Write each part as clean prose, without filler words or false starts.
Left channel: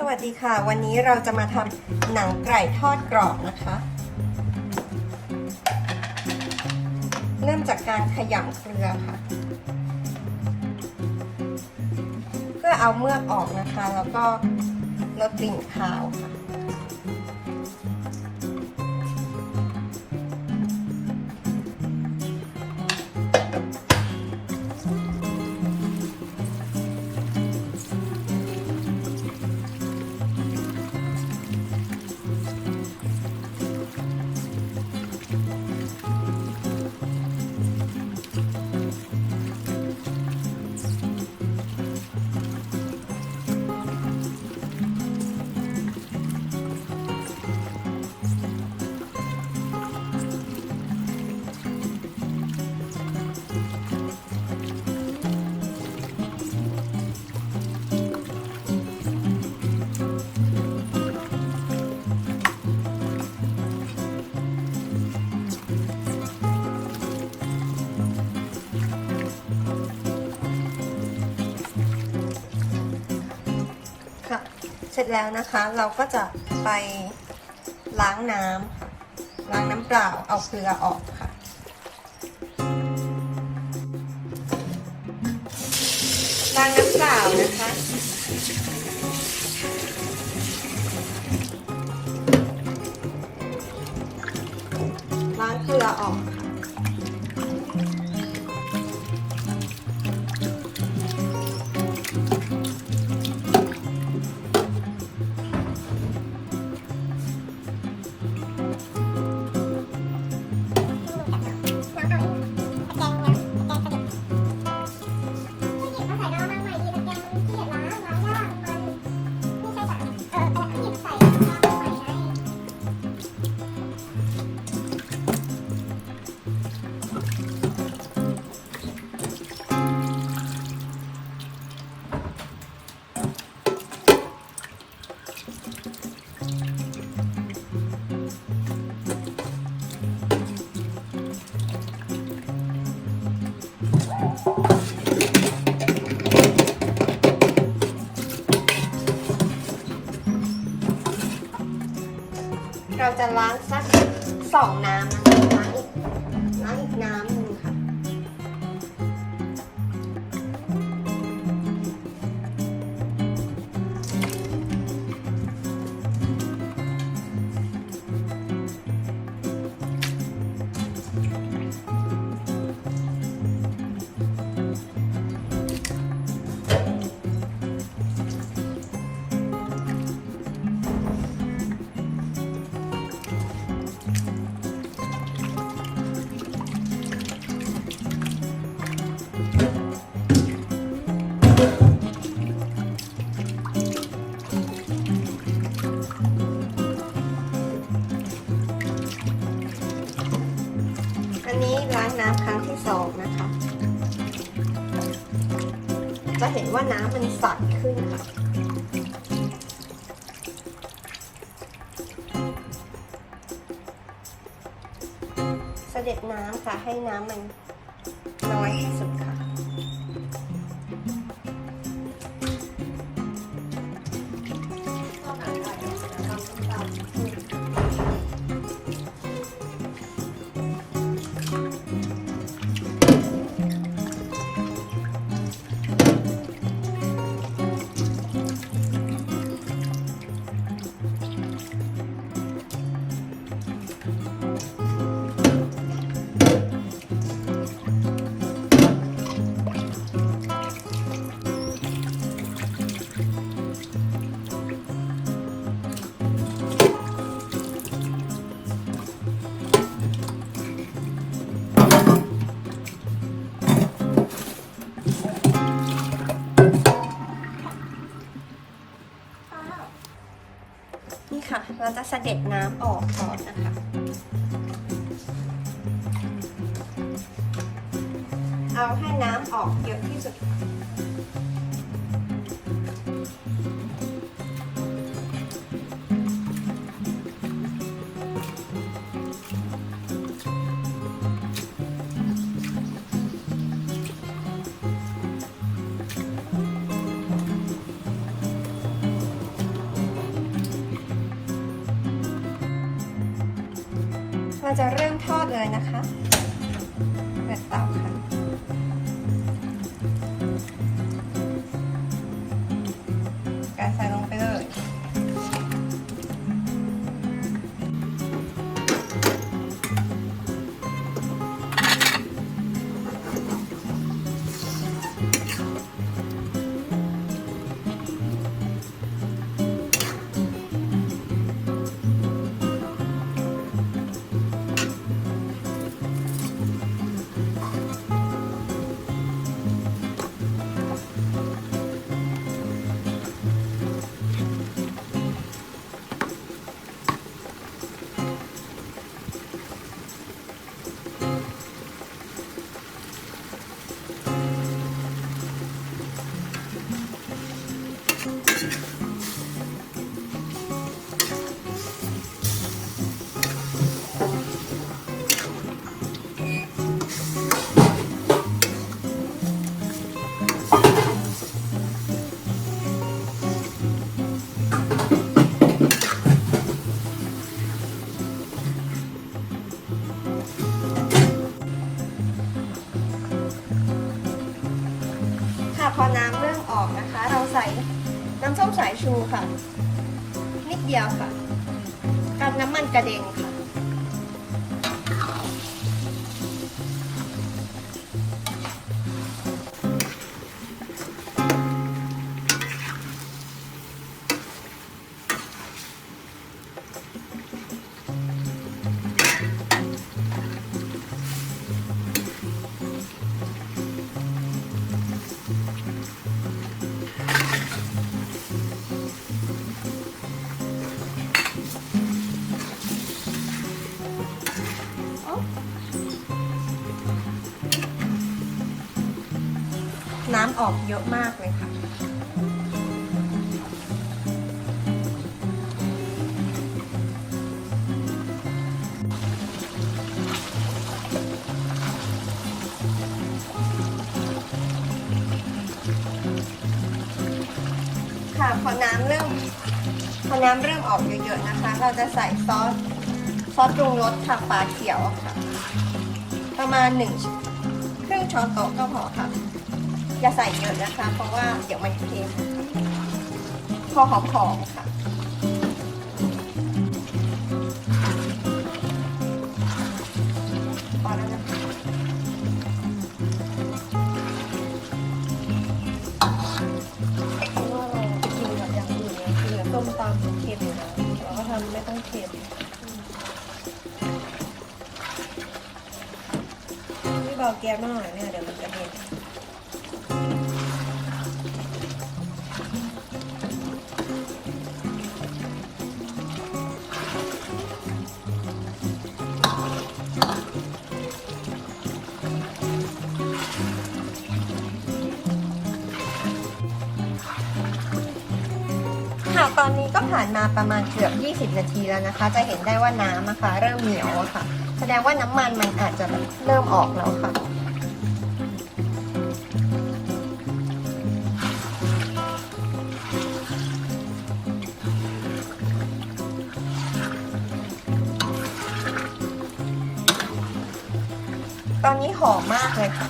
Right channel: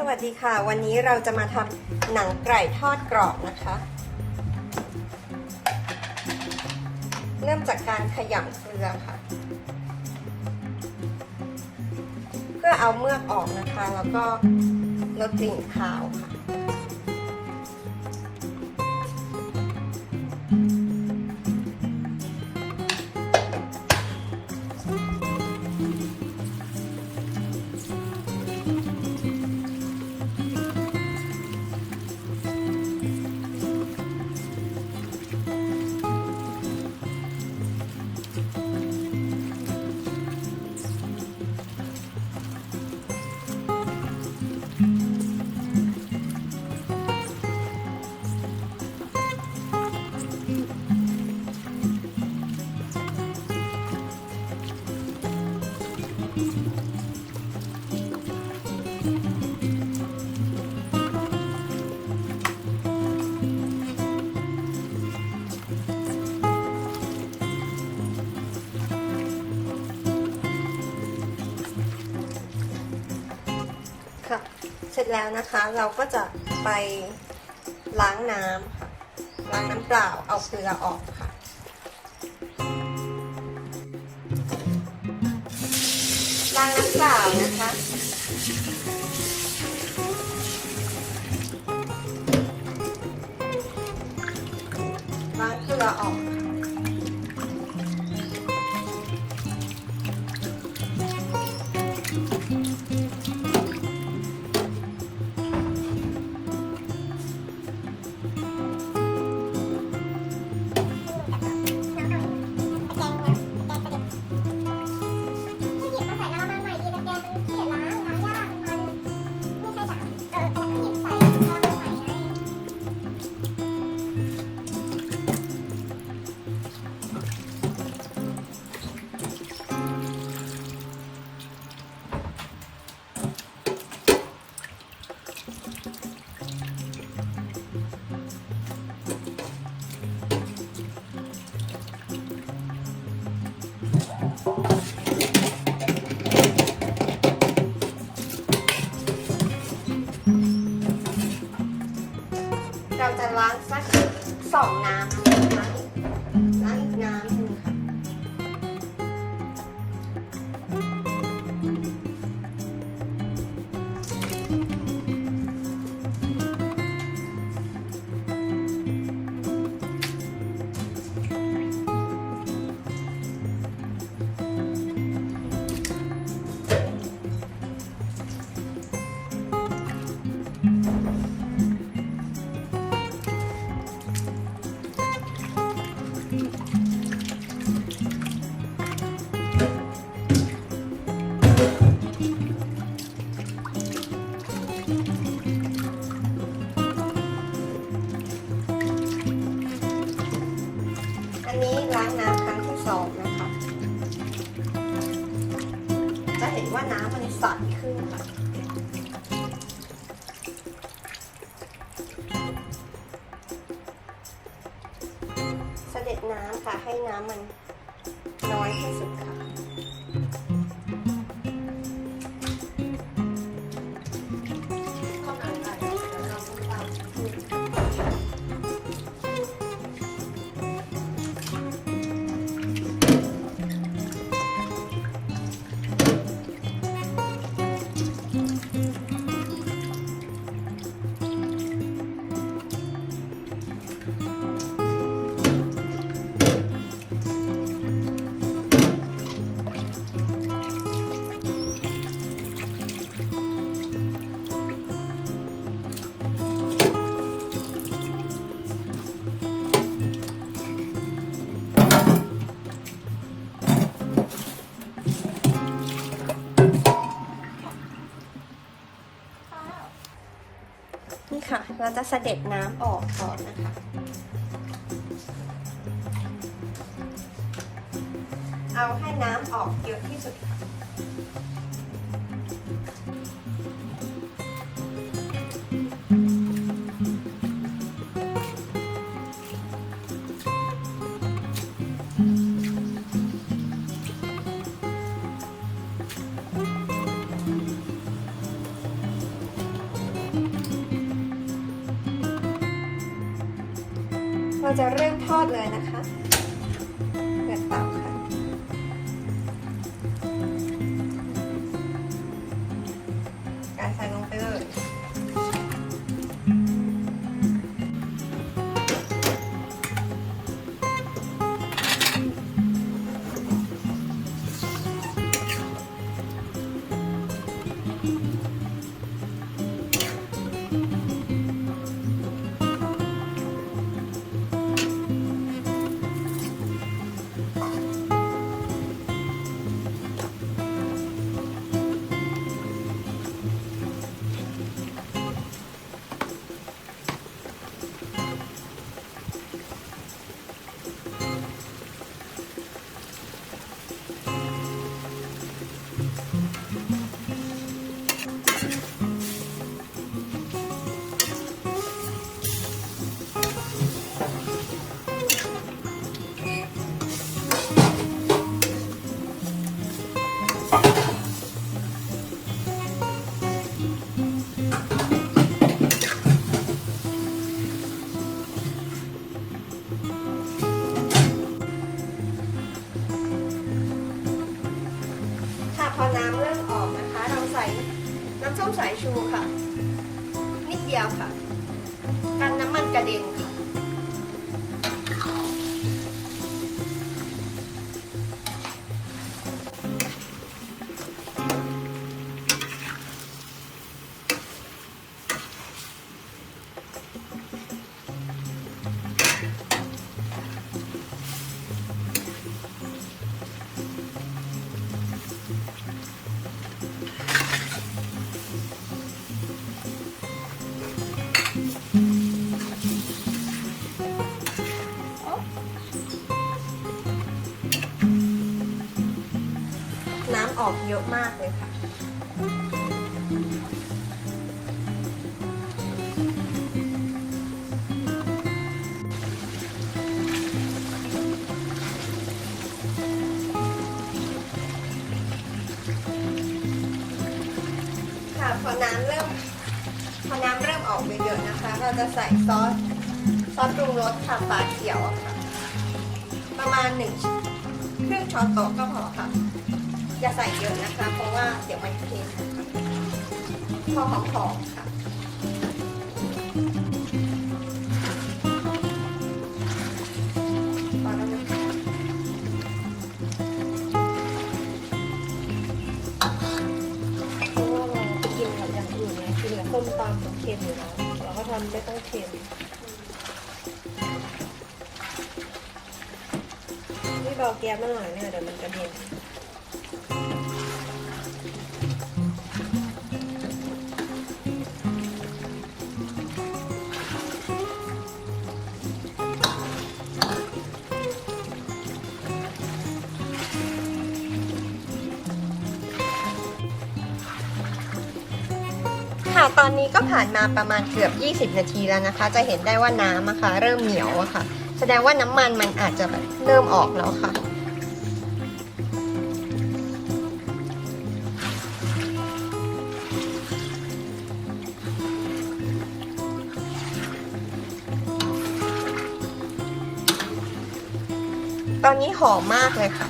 สวัสดีค่ะวันนี้เราจะมาทำหนังไก่ทอดกรอบนะคะเริ่มจากการขยำเกลือค่ะเพื่อเอาเมือกออกนะคะแล้วก็ลดกลิ่นคาวค่ะเสร็จแล้วนะคะเราก็จะไปล้างน้ำค่ะล้างน้ำเปล่าเอาเกลือออกค่ะล้างน้ำเปล่านะคะล้างเกลือออกเราจะล้างสัก2 น้ำนะคะล้างอีกน้ำหนึ่งค่ะล้างน้ำครั้งที่2นะคะจะเห็นว่าน้ำมันใสขึ้นค่ะเสด็จน้ำค่ะให้น้ำมันน้อยที่สุดค่ะนี่ค่ะเราจะเสด็จน้ำออกก่อนนะคะเอาให้น้ำออกเยอะที่สุดค่ะ เราจะเริ่มทอดเลยนะคะเปิดเตาค่ะการใส่ลงไปเลย พอน้ำเริ่มออกนะคะเราใส่น้ำส้มสายชูค่ะนิดเดียวค่ะกันน้ำมันกระเด็นค่ะน้ำออกเยอะมากเลยค่ะพอน้ำเริ่มออกเยอะๆนะคะเราจะใส่ซอสปรุงรสค่ะฝาเขียวค่ะประมาณครึ่งช้อนโต๊ะก็พอค่ะอย่าใส่เยอะนะคะเพราะว่าเดี๋ยวมันเค็มพอหอมๆค่ะพอแล้วนะคะกินอย่างอื่นเนี่ยคือต้มตำเค็มอยู่แล้วเพราะมันไม่ต้องเค็มนี่รอแก๊สหน่อยเนี่ยเดี๋ยวมันจะเย็นตอนนี้ก็ผ่านมาประมาณเกือบ20 นาทีแล้วนะคะจะเห็นได้ว่าน้ำนะคะเริ่มเหนียวแล้วค่ะแสดงว่าน้ำมันอาจจะเริ่มออกแล้วค่ะตอนนี้หอมมากเลยค่ะ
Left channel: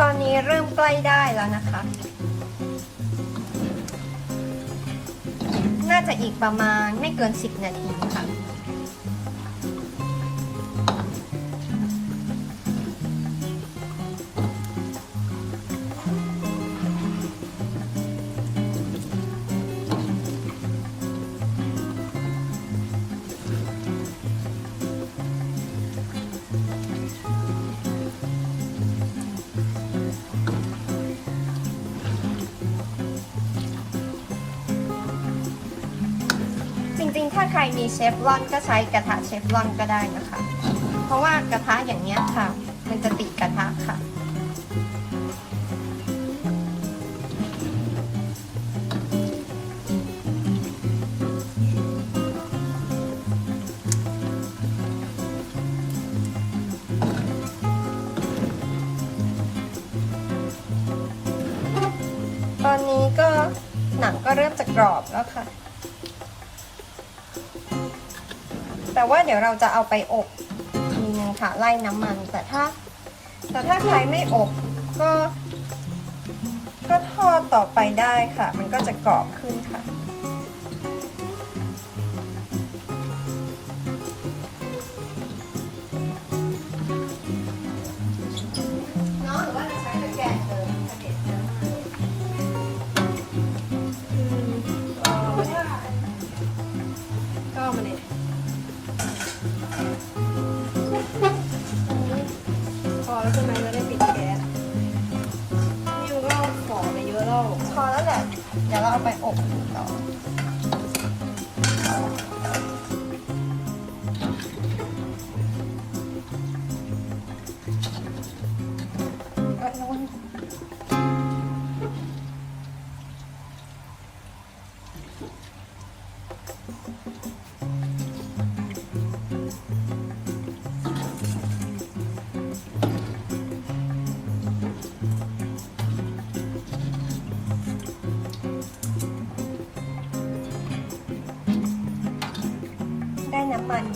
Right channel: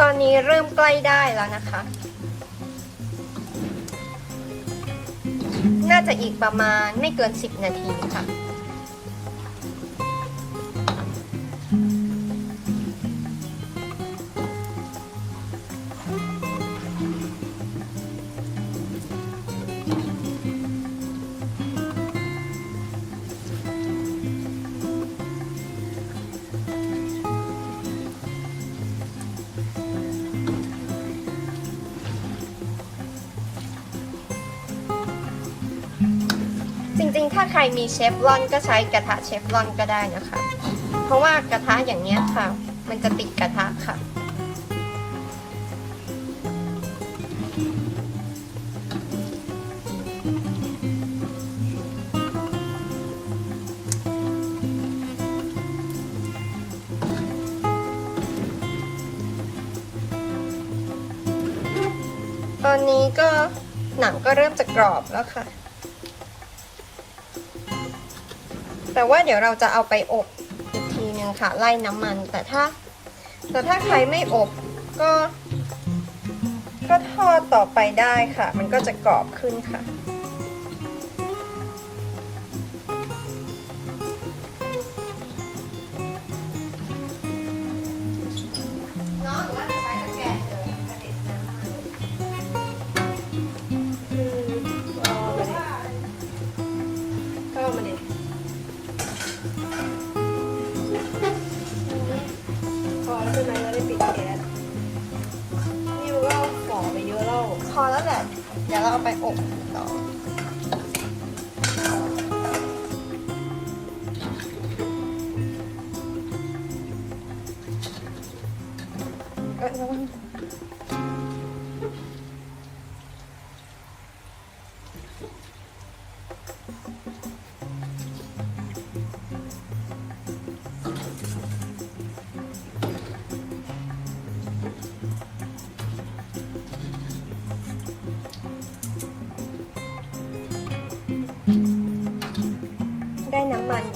ตอนนี้เริ่มใกล้ได้แล้วนะคะน่าจะอีกประมาณไม่เกิน10 นาทีค่ะ มีเชฟรอนก็ใช้กระทะเชฟรอนก็ได้นะคะเพราะว่ากระทะอย่างนี้ค่ะมันจะติดกระทะค่ะ หนังก็เริ่มจะกรอบแล้วค่ะแต่ว่าเดี๋ยวเราจะเอาไปอบทีนึงค่ะไล่น้ำมันแต่ถ้าใครไม่อบก็ทอดต่อไปได้ค่ะมันก็จะกรอบขึ้นค่ะ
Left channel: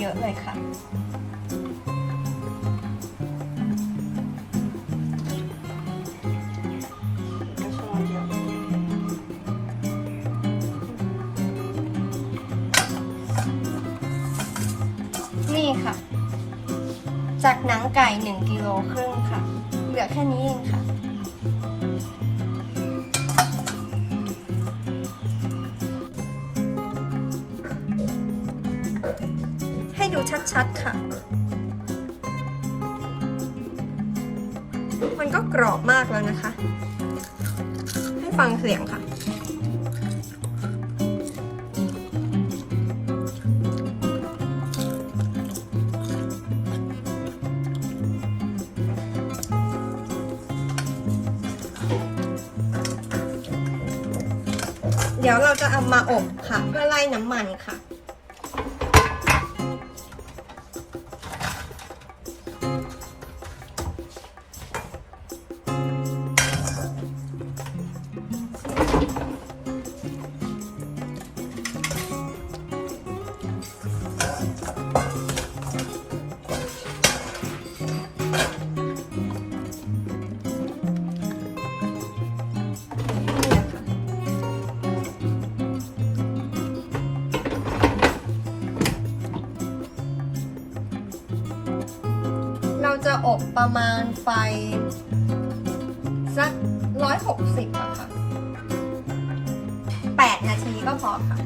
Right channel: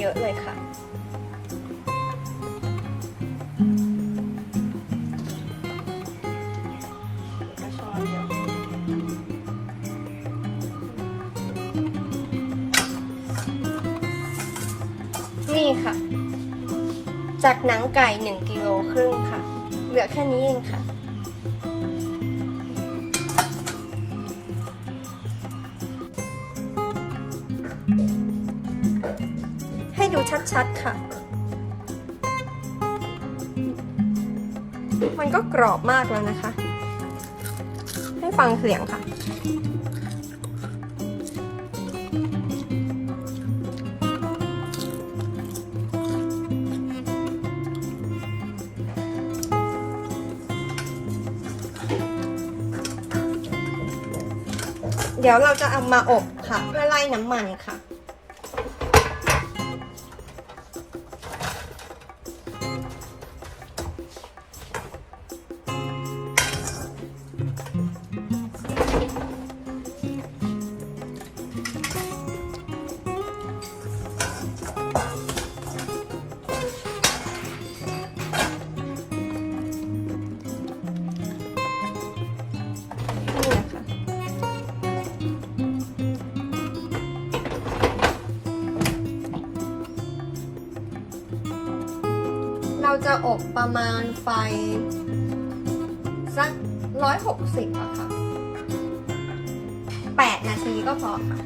เยอะเลยค่ะนี่ค่ะจากหนังไก่1 กิโลครึ่งค่ะเหลือแค่นี้เองค่ะดูชัดๆค่ะมันก็กรอบมากแล้วนะคะให้ฟังเสียงค่ะเดี๋ยวเราจะเอามาอบค่ะเพื่อไล่น้ำมันค่ะเราจะอบประมาณไฟสัก160อะค่ะ8 นาทีก็พอค่ะ